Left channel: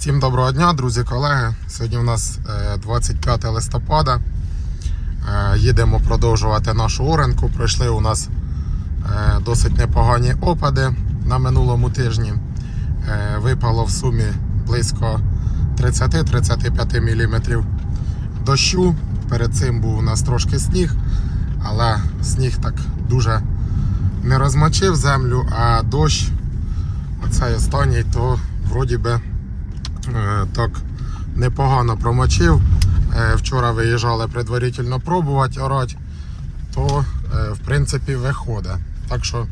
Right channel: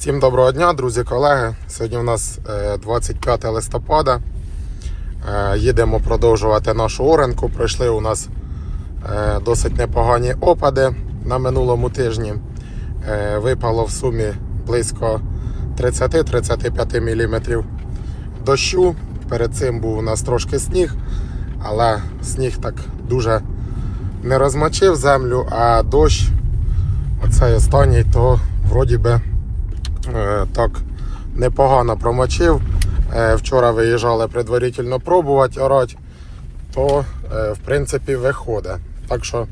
Всім доброго дня, друзі, колеги. Сьогодні у нас е, 25 листопада. Е, Їдемо продовжувати нашу оренку. Пройшли у нас е, досить непогані опади на минулому тижні. Е, Випало в сумі близько 30-35 мм дощу. Перед цим був у нас трошки сніг, але сніг так дуже не розмочив землю, а дощ, оцей останній, то вроді би е, так непогано промочив. Е, Вчора виїжджали предварительно пробувати орати, то е, в принципі виходить. Так що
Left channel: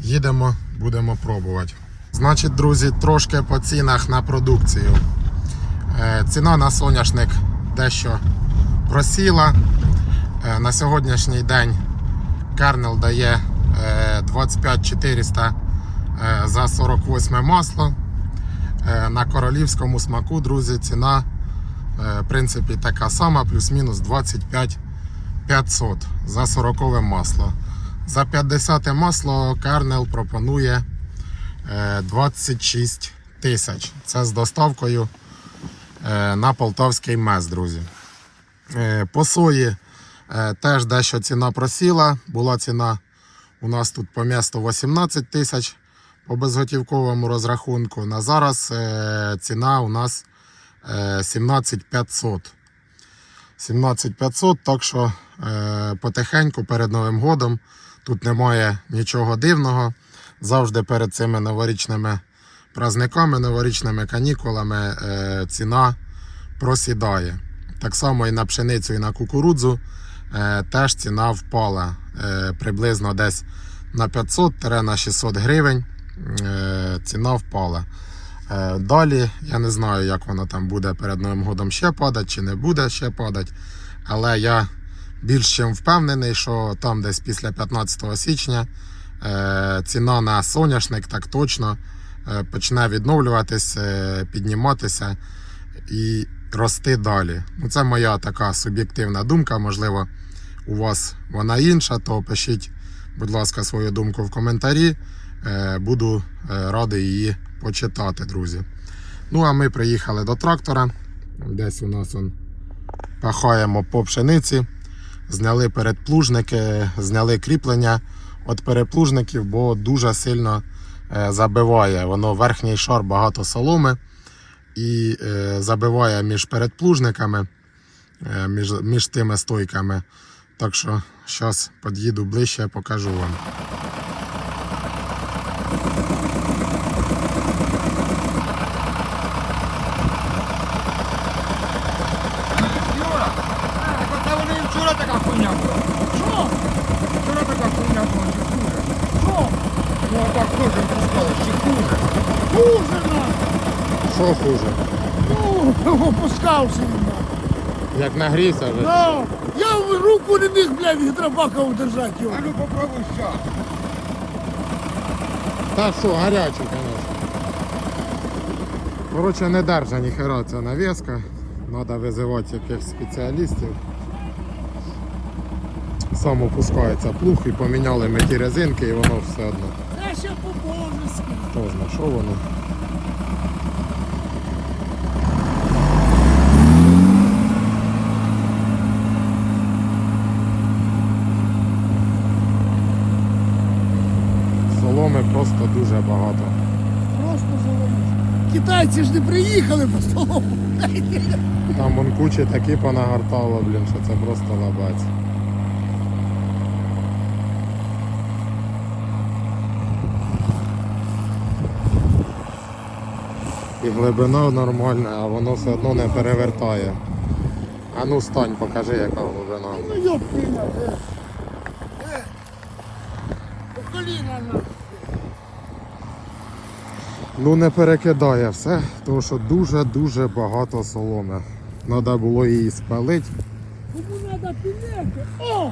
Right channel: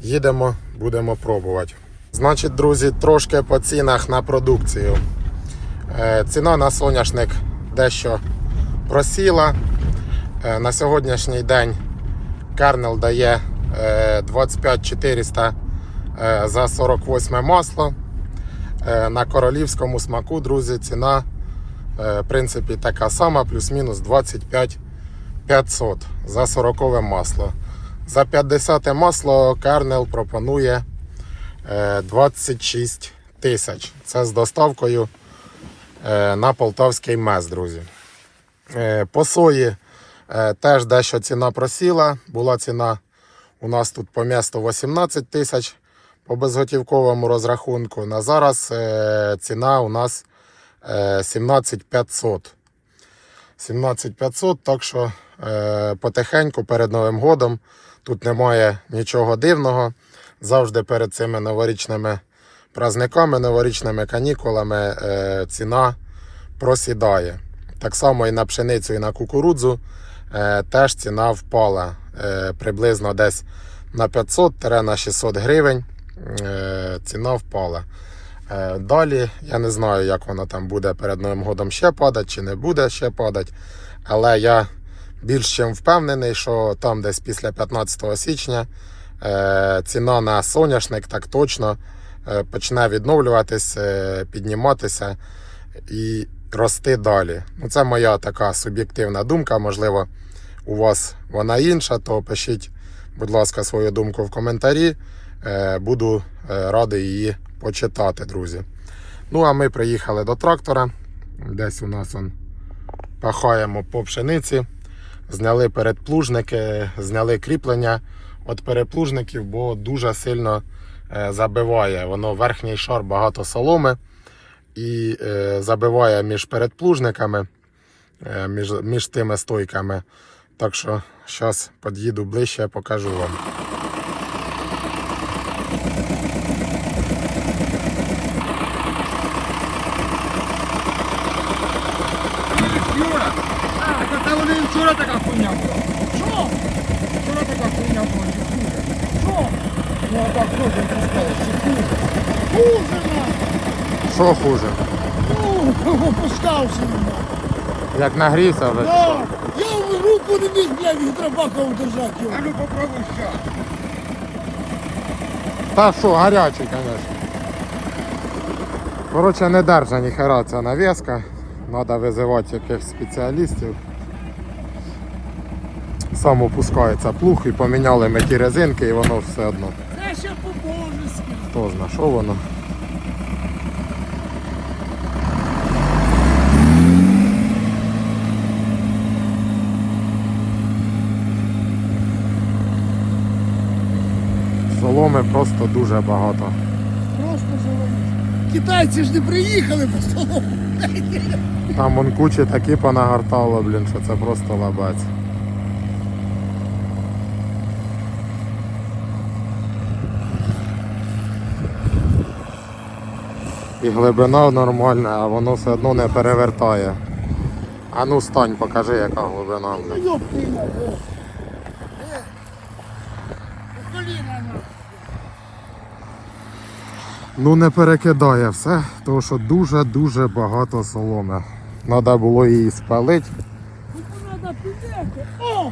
їдемо, будемо пробувати. Значить, друзі, трошки по цінах на продукцію. Е, Ціна на соняшник дещо просіла. Е, На сьогоднішній день Кернел дає е, 25 400 е, за 48 масло. Е, На королівському смаку, друзі, ціна е, в принципі така сама, плюс-мінус 25 500 за 40 масло. За 50 масло Кернел пропонує е, 26 тисяч. Це з доставкою е, на полтавський мес, друзі. Е, По сої е, теж дещо ціна просіла. Була ціна у нас тут по місту 18 тисяч по безготівковому розрахунку. На зараз е, ціна у нас е, 17 500. 17 500, так що е, потихеньку перед Новим годом тут немає нічого дивного. Завжди перед цими новорічними праздниками, новорічними канікулами е, ціна просідає. Так само і на пшеницю, і на кукурудзу е, теж ціна впала е, приблизно десь на 500-600 гривень. Е, ціна впала. Е, далі я не знаю, як вона там буде перед Новим годом ще падати чи не буде ще падати. Але я більш чим впевнений, що там десь після 15 січня е, ціна на соняшник так точно почне відновлюватись, підніматися і рости далі. Ну, це моя така суб'єктивна думка. Можливо, у вас вона інша, то пишіть, будь ласка, свою думку в коментарі. Е, Буду е, радий її почитати, друзі. Ну, а ми приїхали до трактора. Десь у нас он пахаємо по пшениці. Зняли передплужники, зняли кріплення від переплужників, бо дуже сильно е, забиває. Воно верхній шар багато соломи і забиває між передплужниками, між, між тими стойками. Так що зараз під'їду ближче, покажу вам. Юра, так от та вони і вчора така хуйня була. Що? Вчора така хуйня була, чи хуже? Що? Ну а так теж пускали, чи хуже? Хуже нам! Що хуже? Ну, опускався на. Як нагрівся вже? Да. Я в руку не міг, блядь, гідробака удержати його. А ну попробуй ще. Та що, гарячий, звісно. Коротше, не держа ніхера ця навіска. Треба визивати якихось спеціалістів. Сам опускається плуг і поміняли ми ті резинки і воно все одно. Це ще по-божески. Хто зна, що воно. Соломи просто дуже багато. Просто завалиш. Китайці ж не приїхали по столу. Там вон кучі такі понагортало, блін, що це просто лабаць. І глибина нормальна, а воно все одно не перевертає. А ну стань, покажи, яка глибина. Ну ёб меня, э. Э. По коліна на. Ну не перекидає все, тому що дуже-дуже багато соломи. Треба було її спалити, Тобі треба підняти. О!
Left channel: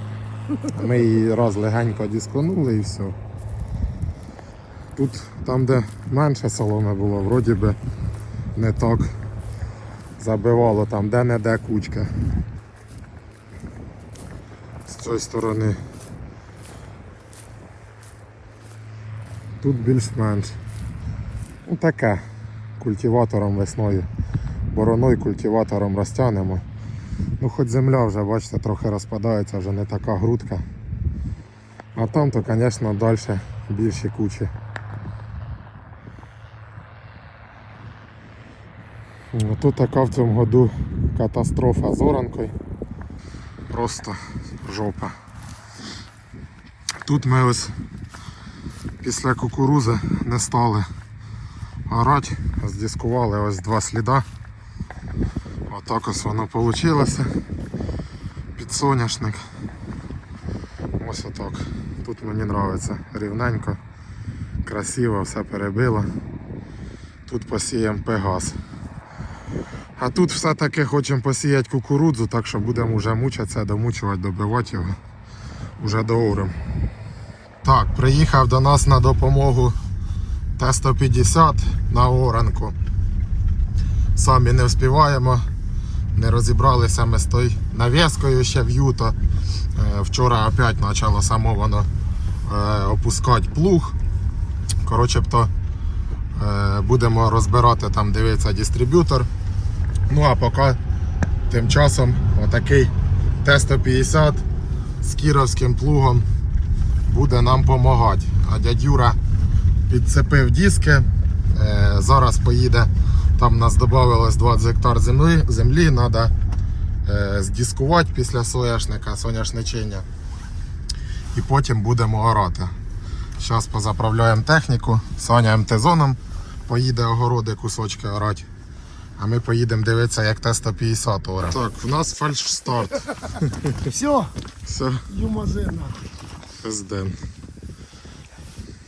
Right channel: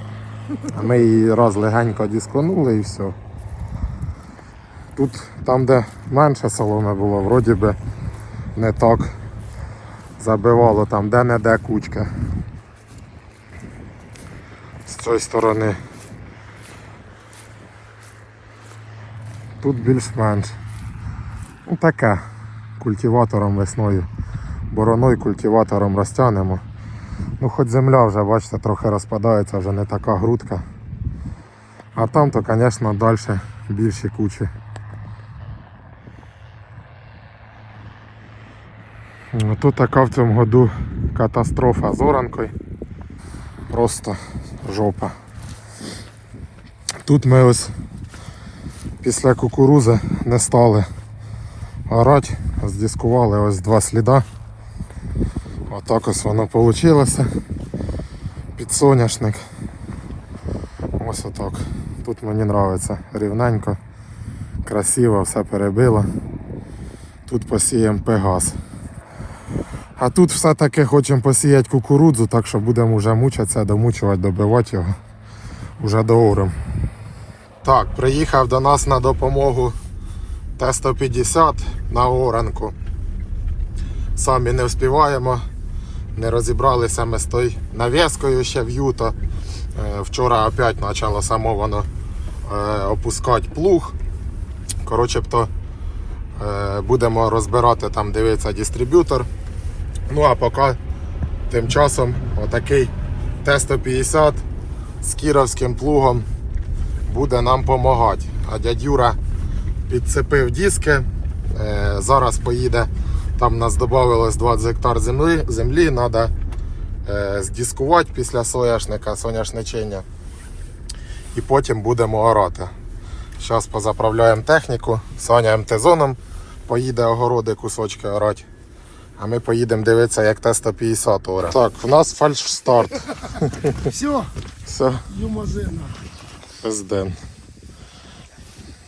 а ми її раз легенько дисконули і все. Тут, там, де менше соломи було, вроді би не так забивало, там де-не-де кучка. З цієї сторони. Тут більш-менш. Ну таке. культиватором весною. Бороною культиватором розтягнемо. Ну хоч земля вже, бачите, трохи розпадається, вже не така грудка. А там то, звісно, далі більші кучі. Тут така в цьому году катастрофа з оранкою. Просто жопа. Тут ми ось після кукурузи не стали орати, здискували ось два сліда. Отак ось воно вийшло. Під соняшник. Ось отак. Тут мені подобається рівненько, красиво, все перебило. Тут посіємо пегас. А тут все-таки хочемо посіяти кукурудзу, так що будемо вже мучитися, домучувати, добивати його. Уже доором. Так, приїхав до нас на допомогу Т-150 на оранку. Самі не вспіваємо. Не розібралися ми з тою навіскою ще в юто. Е, Вчора опять почало само воно е, опускати плуг. Коротше, то е, будемо розбирати там, дивиться дистриб'ютор. Ну а поки тим часом отакий Т-150 з кіровським плугом буде нам допомагати. А дядь Юра підцепив диски. Е, зараз поїде. Там нас додавалось 20 гектар землі. Землі треба здіскувати після соняшника, соняшничення. І потім будемо орати. Зараз позаправляємо техніку, Саня МТ-зоном поїде огороди кусочки орати. А ми поїдемо дивитися, як Т-150 оре. Так, в нас фальш-старт. Все, Все, юмазина. пизден.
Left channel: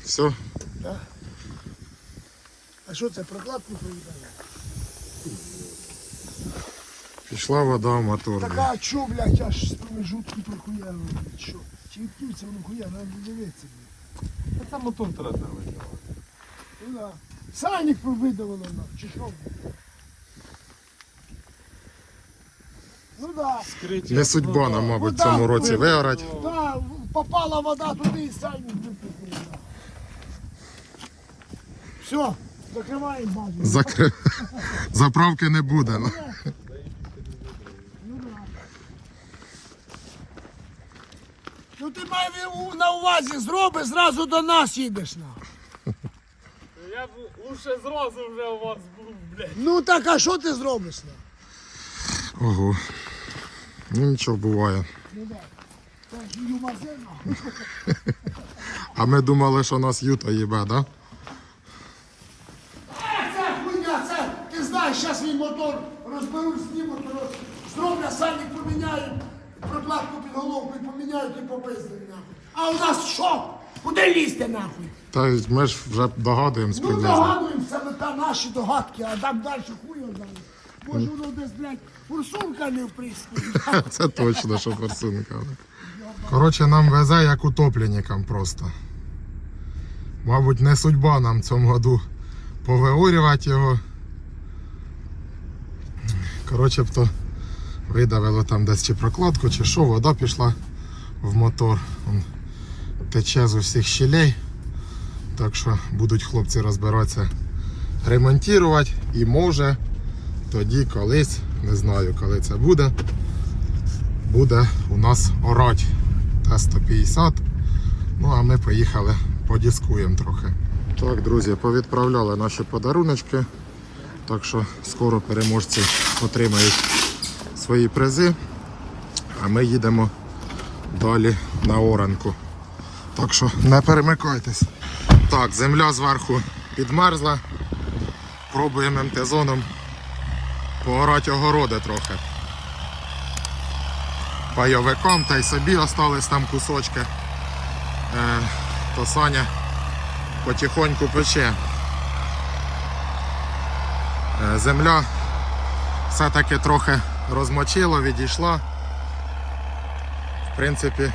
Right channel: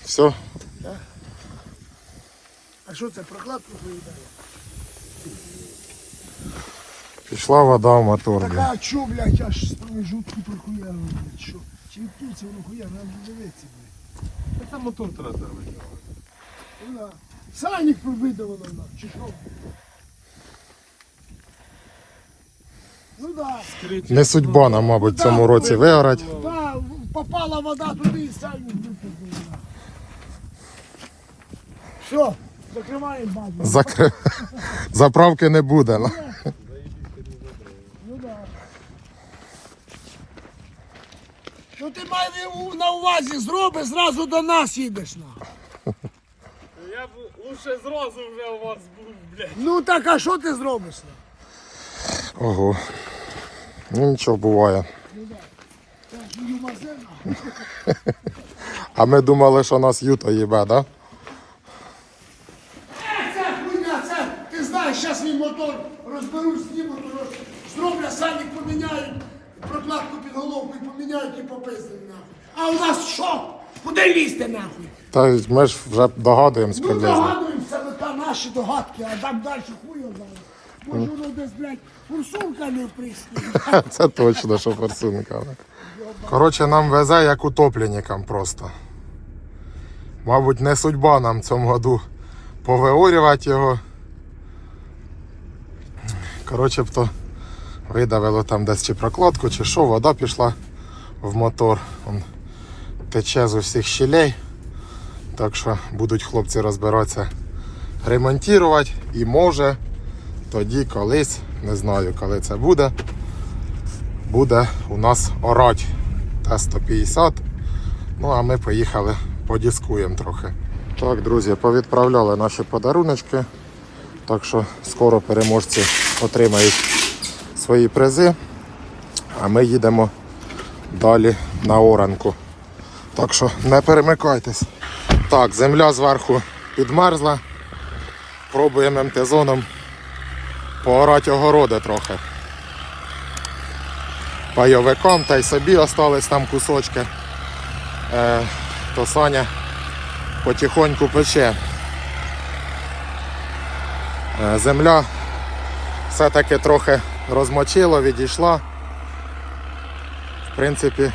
Все, А що це прокладку приїдає? пішла вода в мотор. блін. А чо, блядь, аж прохуяно, блядь, що? Чи відкриться воно хуя, нам дивитися, блядь. Та мотор треба зробити. Ну да. Видавало нам, чи що? Ну да. Не судьба нам, мабуть, в цьому році вигорати. Да, попала вода туди і сальник випадає. Все, закриваємо базу. Закри... Заправки не буде. ну. Ну да. Ну ти май на увазі, зроби, зразу до нас їдеш на. Я б лучше зразу вже у вас був, блядь. Ну так а що ти зробиш? Ого. Ну нічого буває. А ми думали, що нас Юта їбе, да? Це хуйня, це, ти знаєш, зараз свій мотор розберуть, знімуть, зроблять, сальник поміняють, прокладку під головку і поміняють і попиздили нахуй. А у нас що? Куди лізти нахуй? Та ми ж вже догадуємось Ну догадуємося, ми наші догадки, а там далі хуй знає. Може воно десь, блядь, фурсунка не вприсні. Це точно, що форсунка. Коротше, нам везе як утопленникам просто. Мабуть, не судьба нам цьому году повиорювати його. Коротше, б то видавило там десь чи прокладку, чи що, вода пішла в мотор. Он тече з усіх щілей. Так що будуть хлопці розбиратися, ремонтувати і може тоді колись, не знаю коли це буде, буде у нас орать Т-150. Ну а ми поїхали, подіскуємо трохи. Так, друзі, повідправляли наші подаруночки. Так що скоро переможці отримають свої призи. А ми їдемо далі на оранку. Так що не перемикайтесь. Так, земля зверху підмерзла. Пробуємо МТ-зоном поорати огороди трохи. Пайовиком та й собі остались там кусочки. Е, то Саня потихоньку пече. Е, земля все-таки трохи розмочила, відійшла. В принципі,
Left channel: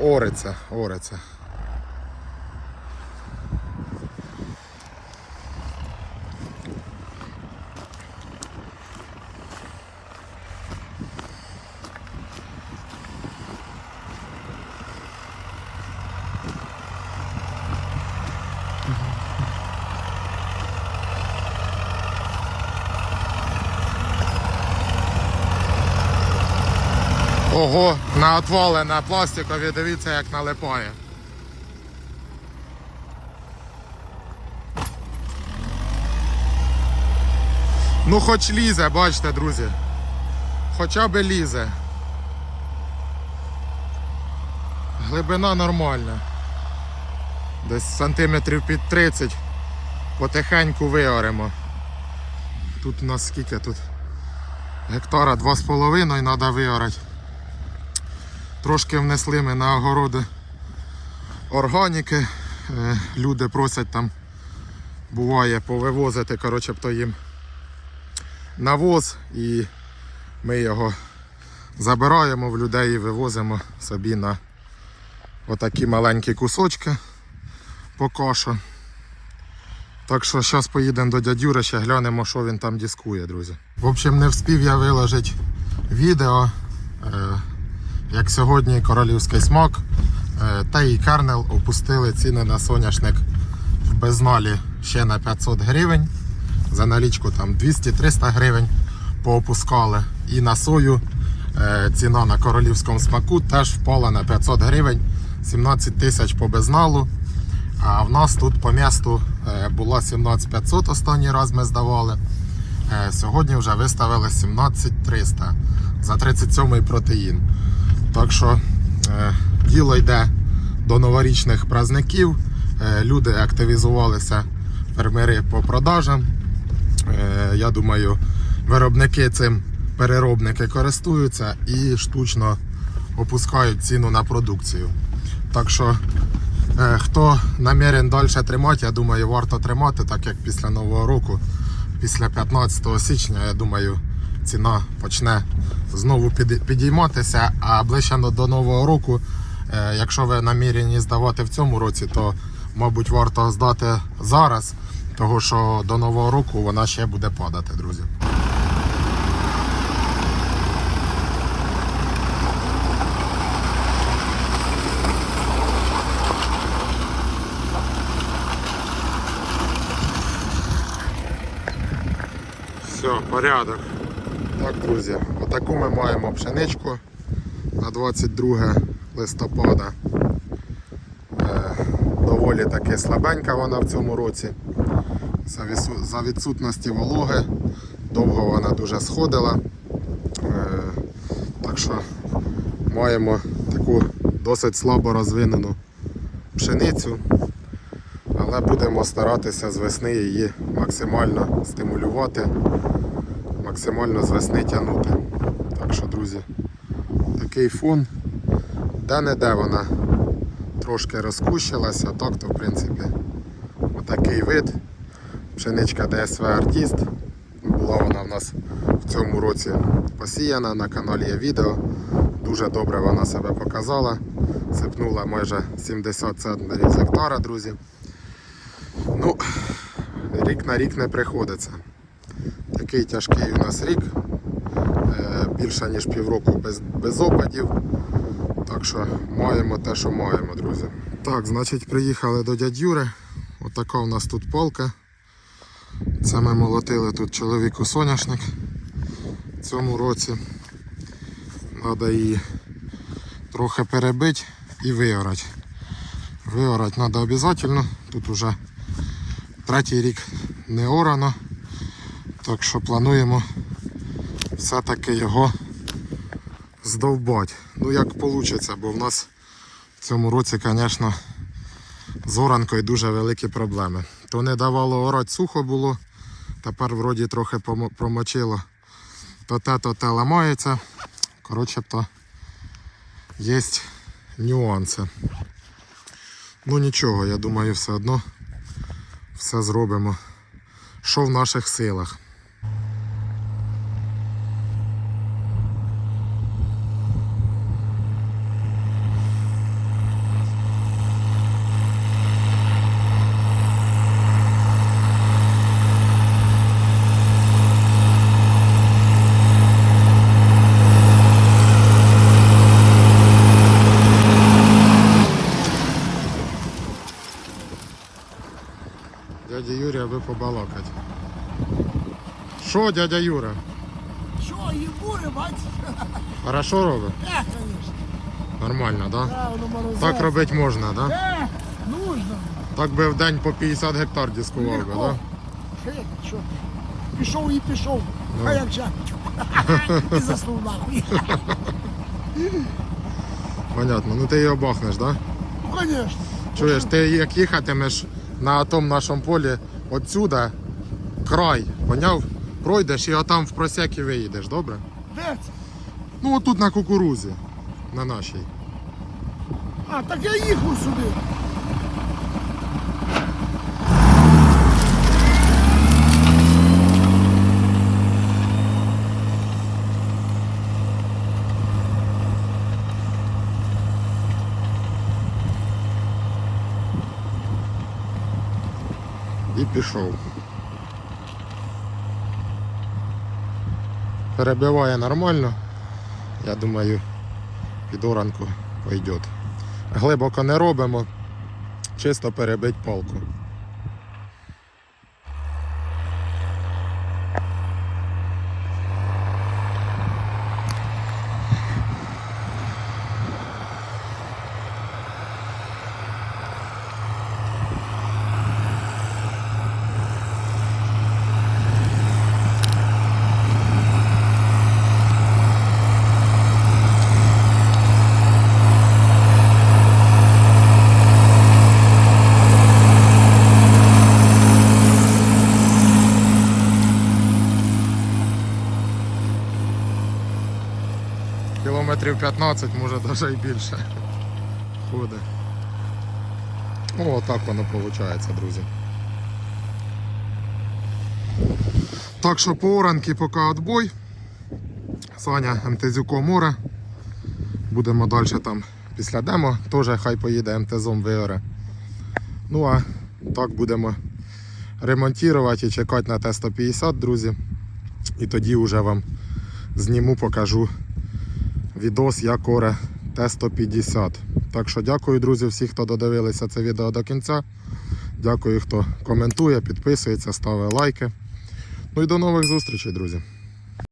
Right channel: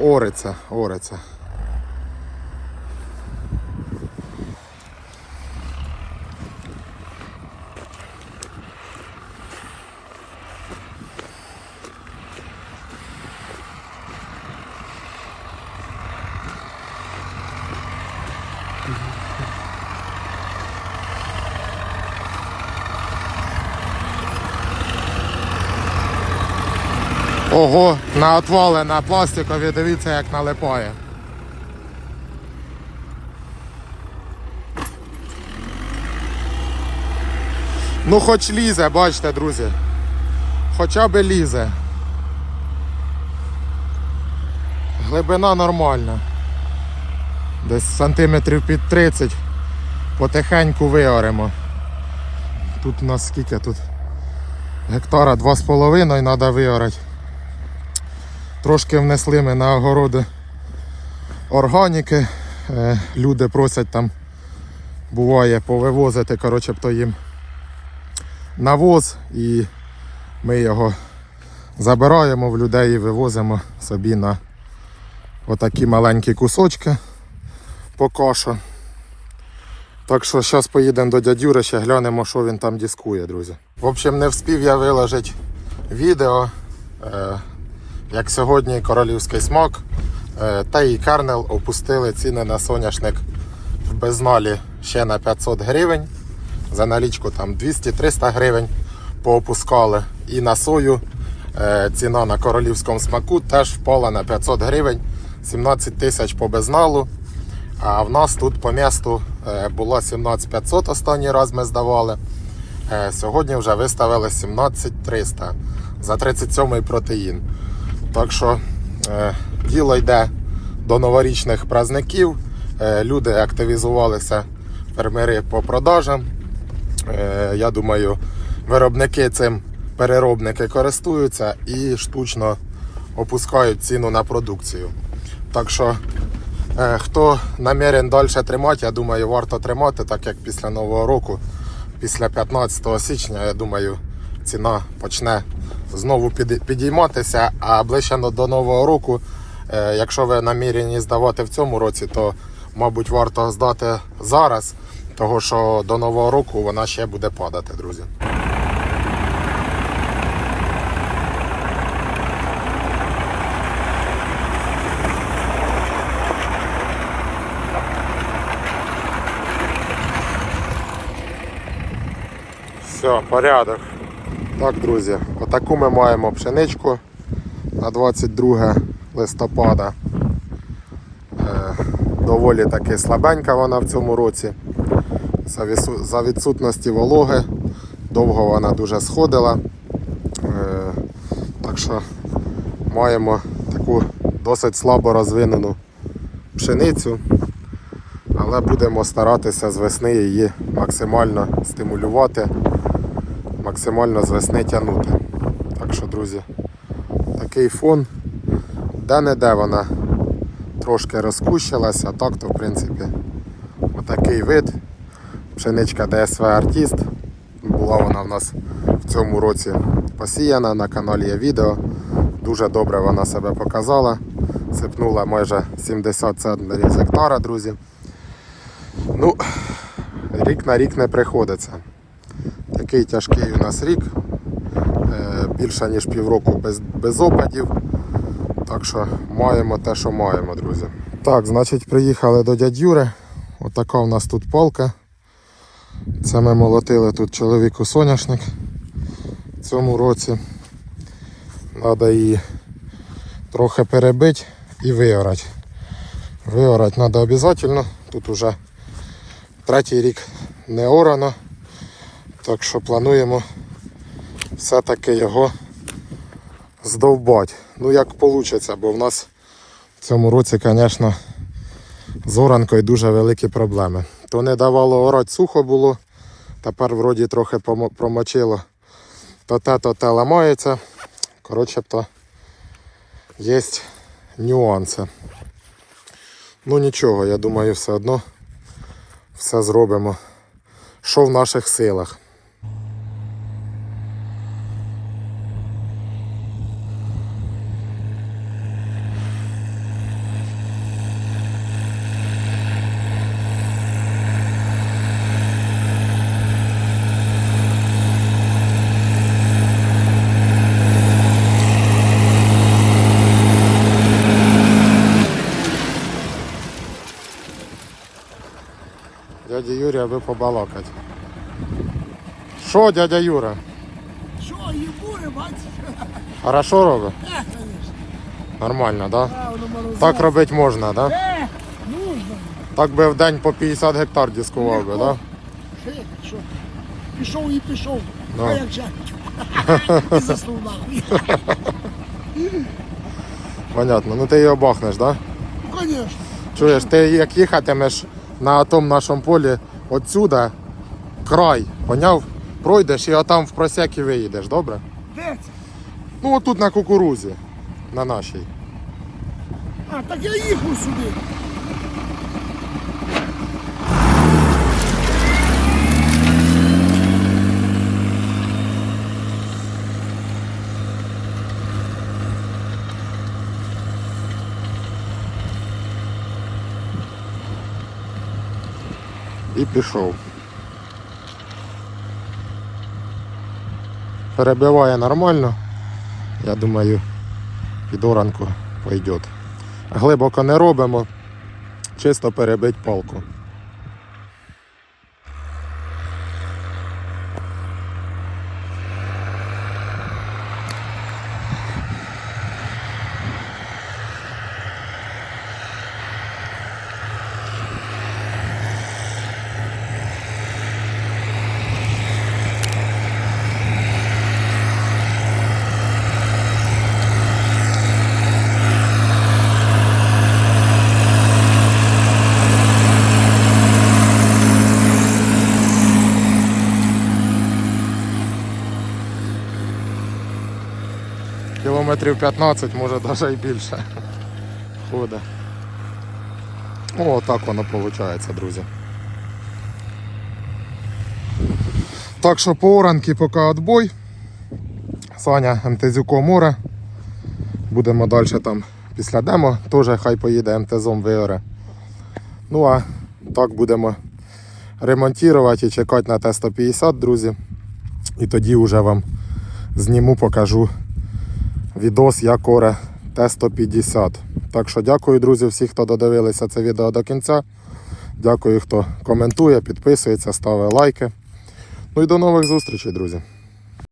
ориться, ориться. Ого, на отвали на пластикові, дивіться, як налипає. Ну, хоч лізе, бачите, друзі. Хоча б лізе. Глибина нормальна. Десь сантиметрів під 30. Потихеньку виоремо. Тут у нас скільки тут? Гектара 2,5 треба виорати. Трошки внесли ми на огороди органіки. Е, Люди просять там, буває, повивозити, коротше, то їм навоз і ми його забираємо в людей і вивозимо собі на отакі маленькі кусочки поки що. Так що зараз поїдемо до дядюри, ще глянемо, що він там дискує, друзі. В общем, не вспів я виложити відео, е, як сьогодні королівський смак е, та і Кернел опустили ціни на соняшник в безналі ще на 500 гривень. За налічку там 200-300 гривень поопускали. І на сою е, ціна на королівському смаку теж впала на 500 гривень, 17 тисяч по безналу. А в нас тут по місту е, було 17500 останній раз ми здавали. Сьогодні вже виставили 17300 за 37 протеїн. Так що е, діло йде до новорічних праздників. Е, Люди активізувалися, фермери по продажам. Е, Я думаю, виробники цим переробники користуються і штучно опускають ціну на продукцію. Так що Е, Хто намірен далі тримати, я думаю, варто тримати, так як після Нового року, після 15 січня, я думаю, ціна почне знову підійматися. А ближче до- Нового року, е, якщо ви намірені здавати в цьому році, то мабуть варто здати зараз, тому що до Нового року вона ще буде падати, друзі. Все, порядок. Так, друзі, отаку ми маємо пшеничку на 22 листопада. Е, доволі таки слабенька вона в цьому році. За, відсутності вологи довго вона дуже сходила. Е, так що маємо таку досить слабо розвинену пшеницю але будемо старатися з весни її максимально стимулювати, максимально з весни тягнути. Так що, друзі, такий фон, де-не-де вона трошки розкущилася, а так то в принципі отакий вид. Пшеничка ДСВ Артіст. Була вона в нас в цьому році посіяна, на каналі є відео. Дуже добре вона себе показала. Сипнула майже 70 центнерів з гектара, друзі. Ну, рік на рік не приходиться. Такий тяжкий у нас рік. Е, Більше ніж півроку без, без опадів. Так що маємо те, що маємо, друзі. Так, значить, приїхали до дядь Юри. Отака у нас тут полка. Це ми молотили тут чоловіку соняшник в цьому році. Треба її трохи перебити і виорати. Виорати треба обов'язково. Тут уже третій рік не орано. Так що плануємо все-таки його здовбати. Ну як вийде, бо в нас в цьому році, звісно, з оранкою дуже великі проблеми. То не давало орати сухо було, тепер вроді трохи промочило. То те, то те ламається. Коротше, то є нюанси. Ну нічого, я думаю, все одно все зробимо. Що в наших силах. Дядя Юрій, аби побалакати. Що, дядя Юра? Що, Єгури, бачиш? Хорошо робить? Е, конечно. Нормально, да? Е. Так робити можна, да? Е, нужно. Так би в день по 50 гектар дискував би, да? Що? Пішов і пішов. Ну. А як же? І заснув нахуй. Понятно. Ну ти його бахнеш, да? Ну, конечно. Чуєш, ти як їхатимеш на тому нашому полі отсюда, край, поняв? Пройдеш і отам в просяки виїдеш, добре? Де це? Ну отут на кукурузі, на нашій. А, так я їхав сюди. І пішов. Перебиває нормально. Я думаю, під оранку пойде. Глибоко не робимо, чисто перебить палку. 15, може навіть і більше. Ходить. О, так воно виходить, друзі. Так що по оранки поки відбой. Саня МТЗюко море. Будемо далі там після демо. Теж хай поїде МТЗом виоре. Ну а так будемо ремонтувати і чекати на Т-150, друзі. І тоді вже вам зніму, покажу відос як Коре Т-150. Так що дякую, друзі, всі, хто додивилися це відео до кінця. Дякую, хто коментує, підписується, ставить лайки. Ну і до нових зустрічей, друзі.